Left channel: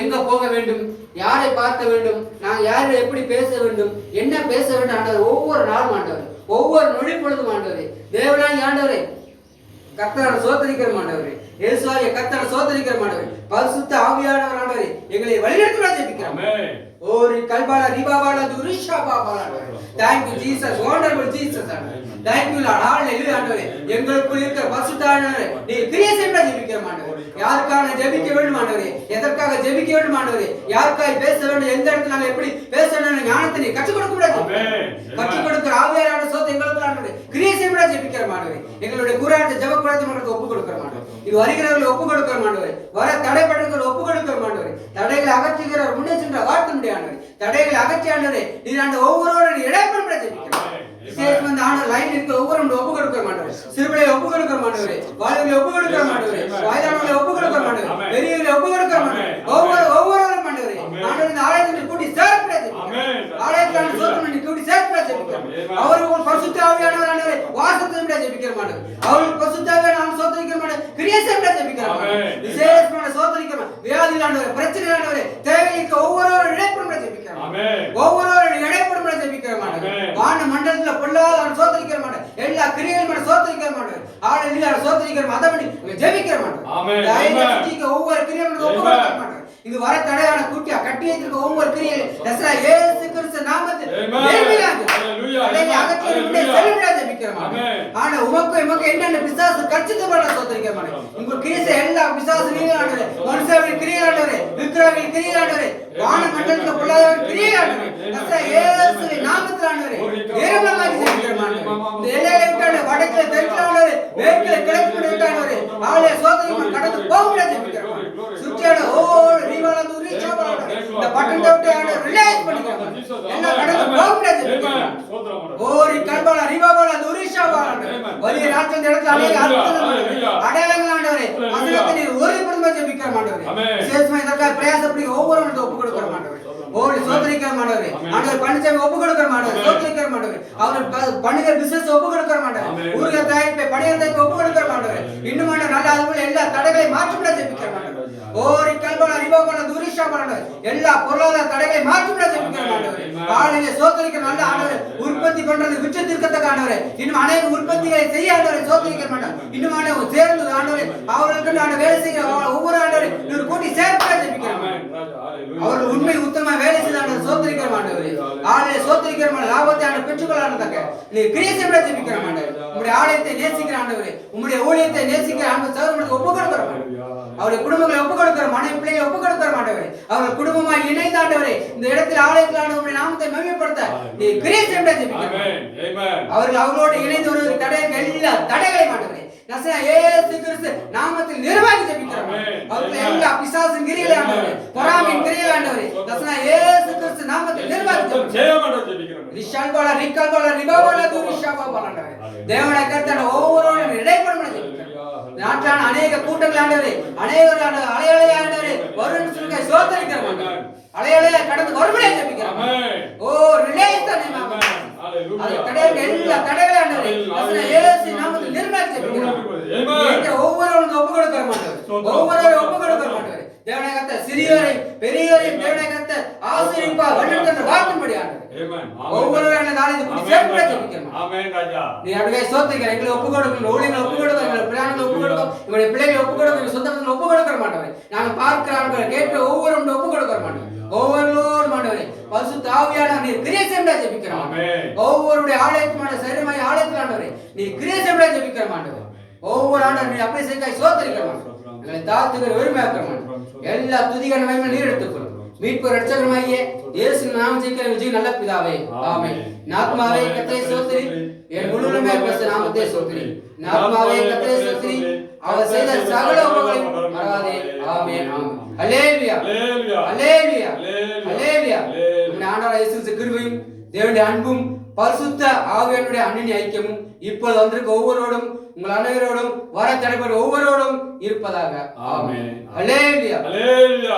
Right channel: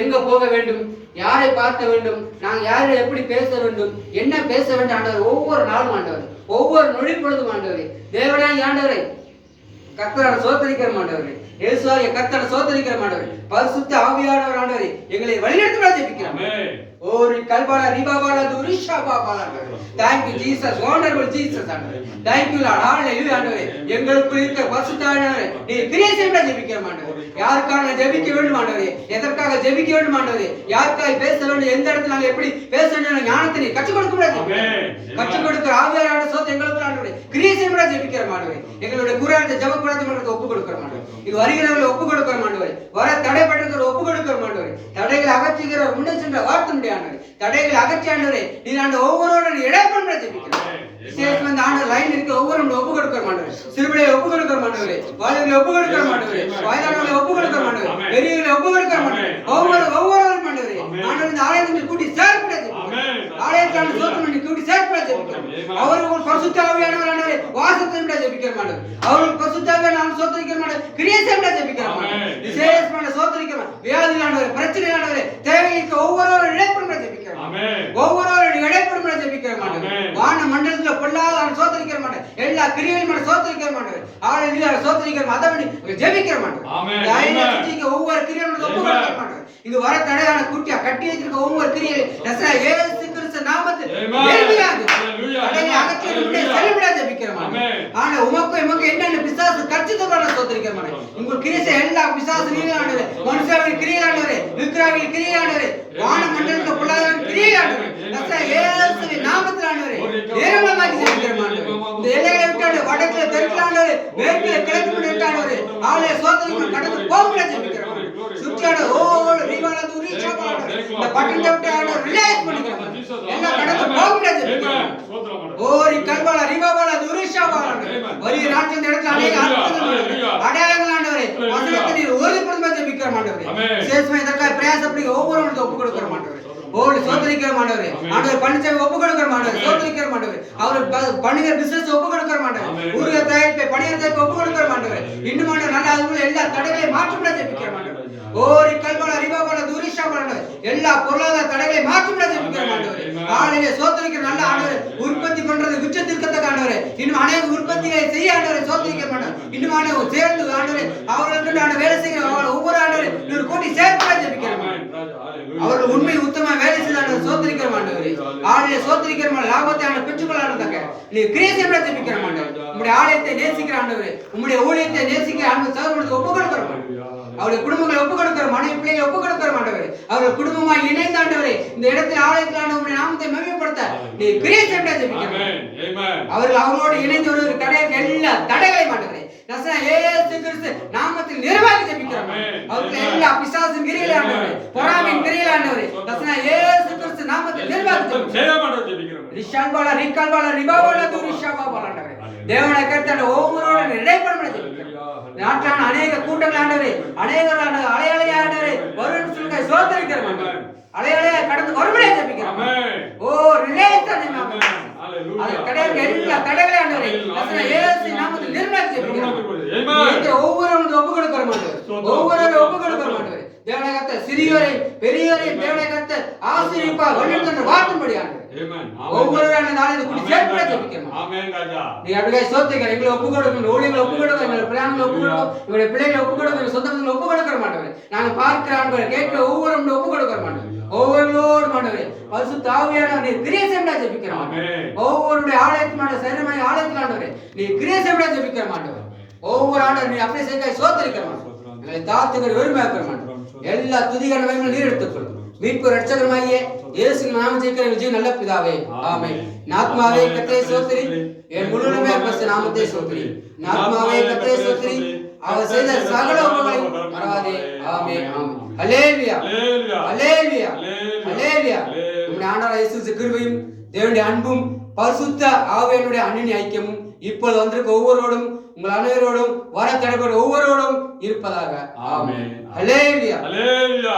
எங்க போக வேண்டும், யாரை பார்க்க வேண்டும், நாங்கள் யாரை எப்படி பேச வேண்டும், என்ன பேச வேண்டும் ஆண்டவர். ஒவ்வொரு நாளும் ஆண்டவர், ஒவ்வொரு நொடி பொழுதும் ஆண்டவரே, தேவனாய் ஆண்டவரே கர்த்தரை சோதரிக்கிற மாண்டவரே, இயேசுவாகிய கர்த்தரை சோதரிக்கிற மாண்டவரே, பரிசுத்த ஆவியானவர் ஆண்டவரே எங்களை வழிநடத்துவதாக ஜெபிக்கிறோம். ஒரு கல்பாலா ரிபாபாலா துரிஷா பாபாலா. Thank you Jesus, wonderful Jesus. Thank you Lord. Hallelujah ஆண்டவரே. எங்களுக்குள் இருக்கிற பரிசுத்த ஆவியானவரே நீ கிரியை செய்ய ஜெபிக்கிறோம் ஆண்டவரே. யாருக்காக ஜெபிக்க வேண்டும் ஆண்டவரே, எதற்காக ஜெபிக்க வேண்டும் ஆண்டவரே, யாருக்காக பேச வேண்டும், எந்த இடத்துல நாங்கள் எப்படி பேச வேண்டும் ஞானத்தை நீ கற்றுக் கொடுக்க முடியாது. கற்றுக் கொடுக்கிற ஆவியானவருடைய சோத்தை எங்களுக்கு ஆண்டவரே கிரியை செய்ய ஜெபிக்கிற ஆண்டவரே. எங்களுடைய குரானத்தை ஜெப குரானத்தை உங்களுக்கு ஒப்பு கொடுக்கிற ஆண்டவரே. இது வருகிறவர்களை ஒப்பு கொடுக்கிற ஆண்டவரே. வர தடைப்பட்டிருக்கிற ஒப்பு கொடுக்கிற ஆண்டவரே. தடைகளை அகற்றுகிறவர் முன்னே சென்ற வார்த்தை முடியாது. தடைகளை அகற்றி ஆண்டவரே நீ ஆண்டு ஒவ்வொருவரும் இடைப்பட ஜெபிக்கிறோம். விசேஷமா ஆண்டு லைன் இருக்க ஒவ்வொரு ஒப்பு கொடுக்கிற ஆண்டவரே. சிறுபிள்ளை ஒப்பு கொடுக்கிற ஆண்டவரே. வாலிபர்களை ஒப்பு கொடுக்கிற ஆண்டவரே. வயதானவர்களை ஒப்பு கொடுக்கிற ஆண்டவரே. பெரியவர்களை ஒப்பு கொடுக்கிற ஆண்டவரே. ஒவ்வொருவரும் ஆண்டவரே ஆண்டவரே இந்த ஆலயத்தில் கூட்டி சேர்க்க ஜெபிக்கிறோம். ஆலயத்தில் சோதனை பண்ணி கூட்டி சேர்க்க ஜெபிக்கிறோம். அவர்கள் பரிசுத்த ஆவியானவர் ஆண்டவரே வாசத்தை விட ஜெபிக்கிற ஆண்டவரே. அவர்கள் பரிசுத்த ஆவியானவர் சோதரிக்கிற ஆண்டவரே கிரியை செய்ய ஜெபிக்கிற ஆண்டவரே. விசேஷமான சோதரிக்கிற வியாதி ஆண்டவரே, பிரச்சனை ஆண்டவரே, தேவைக்கு ஒவ்வொருவரும் இடைப்பட ஜெபிக்கிறோம். ஒவ்வொருவரும் இடைப்பட ஜெபிக்கிற ஆண்டவரே. வான மண்டலத்தில் பொல்லாத சோதரிக்கிற ஆண்டவரே. எல்லா கிரியையும் சோதரிக்கிற ஆண்டவரே. ஆலயத்தில் சோதரிக்கிற மதபடி ஜெபிக்கிற ஆண்டவரே. ஒவ்வொரு கிரியையும் ஒப்பு கொடுக்கிற ஆண்டவரே. இங்கு வர தடையான குட்டியா கட்டி வைத்திருக்க ஒவ்வொரு கிரியையிலும் இயேசு கிறிஸ்து நாமத்தில் ஆனா உமக்கு எமக்கு என்னென்ன பிசாசு கர்ச்சித்தமான சோதரிக்கிறமான உங்க கிரிச எல்லா பிசாசு நீராண்டவரே, மனுஷாவின் கிரியாண்டவரே, விக்கிரவின் கிரியாண்டவரே, வான மண்டலத்துக்கு புள்ளாவின் கிரியாண்டவரே, இயேசுவின் நாமத்தில் ஆண்டவரே நேரமாகி ஜெபிக்கிறோம். இந்த எல்லைகளை விட்டாண்டே வடக்குல தெற்குலாண்டவரே, மேற்குல கிழக்கு விட்டாண்டவரே, ஆலய சோதனை கடந்து போக ஜெபிக்கிறோம். சுற்றியான ஒவ்வொரு ரிவாலந்து உரிச்சாபாண்டவரே இந்த பட்டணத்தை விட்டு ஆண்டவர் ரிலாக்ஸ் பண்ணிக்கிறோம். என்ன கடந்து போக ஜெபிக்கிறோம். ஓரி கல்பாலா ரிவாபாலா துரிஷாபாண்டவரே வரிய ராஜ்யத்தின் இடத்துல அநேக அடையாளங்கள் ஆண்டவரே வசனத்தை நீர் உறுதிப்படுத்த ஜெபிக்கிறோம் ஆண்டவரே. விசேஷமா இதற்காக பிரயாசப்படி ஒவ்வொருவருக்கும் ஒப்பு கொடுக்கிற ஆண்டவரே. ஓடி சோதரிக்கிற ஆண்டவரே. ஆண்டவர் பணிச்சை ஒப்பு கொடுக்கிற ஆண்டவரே. சோதரிக்கிற ஆண்டவரே. அவர் பணிகிற பிசினஸ் ஒப்பு கொடுக்கிற ஆண்டவரே. ஊர்ல தயாரிப்பை பணிகிற தயாரிப்பை ஒப்பு கொடுக்கிற ஆண்டவரே. இன்னும் நல்ல அதுக்குள்ள எல்லா தடைகளை மாற்றப்பட ஜெபிக்கிற ஆண்டவரே. ஓரி கல்பாலா ரிவாபாலா துரிஷாபாண்டவரே எல்லா பொருளாதார தடைகளை மாற்றப்பட ஜெபிக்கிற ஆண்டவரே. ஆளுநரை சோதரிக்கிற நல்ல ஆண்டவரே. உற்பத்தி பண்றது உச்சத்திற்கத்தக்க ஆண்டவரே. இன்னும் அநேக உற்பத்திகளை செய்ய ஆண்டவரை சோதரிக்க மாட்டோம். இன்னும் ஆண்டவர் சேர்ந்து ஆண்டவரை அவர்களுக்கு ஆண்ட வேலை செய்கிற ஒவ்வொரு ஆண்டவரை ஒரு கோடி சேர்க்க ஜெபிக்கிறோம். அவர்கள் உண்மை உத்தம வேலை செய்த ஆண்டவர் சோதரிக்கிற ஆண்டவரே. ஆளுநரை சோதரிக்கிற லாபத்தை ஆண்டு பெற்றுக்கொள்ளாதக்க நீ கிரியேஷன் விட ஜெபிக்கிற ஆண்டவரே. உம்முடைய ஆலயத்தை நேசிக்கிற ஆண்டவரே, உம்முடைய ஊழியத்தை நேசிக்கிற ஆண்டவர் சகோதரர்களுக்கு ஒப்பு கொடுக்கிற அவருடைய குடும்பங்களை ஒப்பு கொடுக்கிற மனைவி பிள்ளைகளை ஒப்பு கொடுக்கிற ஆண்டவரே. அவர்கள் குடும்பமாய் இணைந்த ஆண்டவரே இந்த இடத்தில் ஆலயத்தில் ஆண்டவருடைய நாமத்தை மகிமைப்படுத்த நீ கிரியேஷன் விட ஜெபிக்கிறோம். அவர்கள் அவர்களோடு இணைந்து ஒரு தடையாக எல்லா தடைகளை ஆண்டவரே இயேசு கிறிஸ்து நாமத்தில் நிர்வாகி ஜெபிக்கிறோம். அவர்கள் எல்லா பிசாசின் கிரியைகளை ஆண்டவரே, பொறாமையின் கிரியைகளை ஆண்டவரே இயேசு கிறிஸ்து நாமத்தில் நிர்வாகி ஜெபிக்கிறோம். ரிஷால்பாலா ரிகால்பாலா ரிபாபாலா துரிஷாபாலா ஆண்டவரே தேவனை கர்த்தர் ஒவ்வொருவரும் இடைப்பட ஜெபிக்கிறோம். நாட்டான அநேக கூட்டங்கள் ஆண்டவரே, அநேகரான அலையலையா ஆண்டவரே வருன்னு சொல்லுங்க சோதரிக்கிறோம். அலையலையா கடந்து வரும்படியா ஜெபிக்கிறோம். ஓ ரிலேஸ் தான் அது கடையில் எல்லா தடைகளை ஆண்டவரே இயேசு நாமத்தில் நிர்வாகி ஜெபிக்கிறோம். ஒவ்வொருவரும் ஒப்பு கொடுக்கிற ஆண்டவரே, ஒவ்வொருவரும் ஒப்பு கொடுக்கிற ஆண்டவரே தேவனை கர்த்தர் சிறியோரை பெரியோரை தேவனை கர்த்தர் ஆசீர்வதிப்பா வழிநடத்துகிற வார்த்தைப்படி ஆண்டவரே ஒவ்வொருவரும் நாளை கூடி சேர்க்க ஜெபிக்கிறோம். ஆமென் ராஜா. நீ அப்படியே சோத்திக்கிற எங்களை ஒப்பு கொடுக்கணும், ஊழியர்களை ஒப்பு கொடுக்கணும், எங்களை பிள்ளைகளை ஒப்பு கொடுக்கணும், எங்களுடைய பிள்ளைகளை ஒப்பு கொடுக்கணும், சொந்தங்களை ஒப்பு கொடுக்கிற மாட்டவரே நாங்கள் பார்க்கிற ஆண்டவரே கேட்கிற ஒவ்வொருவரும் ஒப்பு கொடுக்கிற மாட்டோம். ஒவ்வொருவரோடு மாண்டவரே பரிசுத்த ஆவியானவர் நீ கிரியேஷன் விட ஜெபிக்கிறோம். ஒவ்வொருடைய ஆலயத்துமான சரீரமாய் ஆலயத்தில் ஆண்டவரே நீ கிரியேஷன் விட ஜெபிக்கிற மாண்டவரே. ஒவ்வொரு ஆண்டவர் நீ அப்படியே செய்ய சோத்திரிக்கிற மாட்டோம். எங்களை தாத்துகிற உரிமையாக்கிற மாட்டோம். எல்லா துதிகான மகிமை நீர் எடுத்துக்கொள்ளும். மீட்பு ரட்சகருமாகிய இயேசுவின் நாமத்தில் விஜய் நல்ல பிதாவே ஆமென். நாத்மாவே கர்த்தரை ஸ்தோத்திரி, என் முழுமே பரிசுத்த நாமத்தை ஸ்தோத்திரி. நாத்மாவே கர்த்தரை ஸ்தோத்திரி, அவர் செய்த சகல உபகாரங்களையும் மறவாதே. ஆமென் ஆமென். ஹல்லேலூயா ஹல்லேலூயா ஹல்லேலூயா. நம்முடைய ஆண்டவர் இயேசு கிருபையும் தேவனுடைய அன்பும் பரிசுத்த ஆவியானவருடைய அன்பின் ஐக்கியமும் இப்போது வந்திருக்க ஒவ்வொருவரோடும் உங்கள் அனைவரோடும் வர தடைபட ஒவ்வொருவரோடும் இருப்பதாக. ஆமென். ஹல்லேலூயா ஹல்லேலூயா.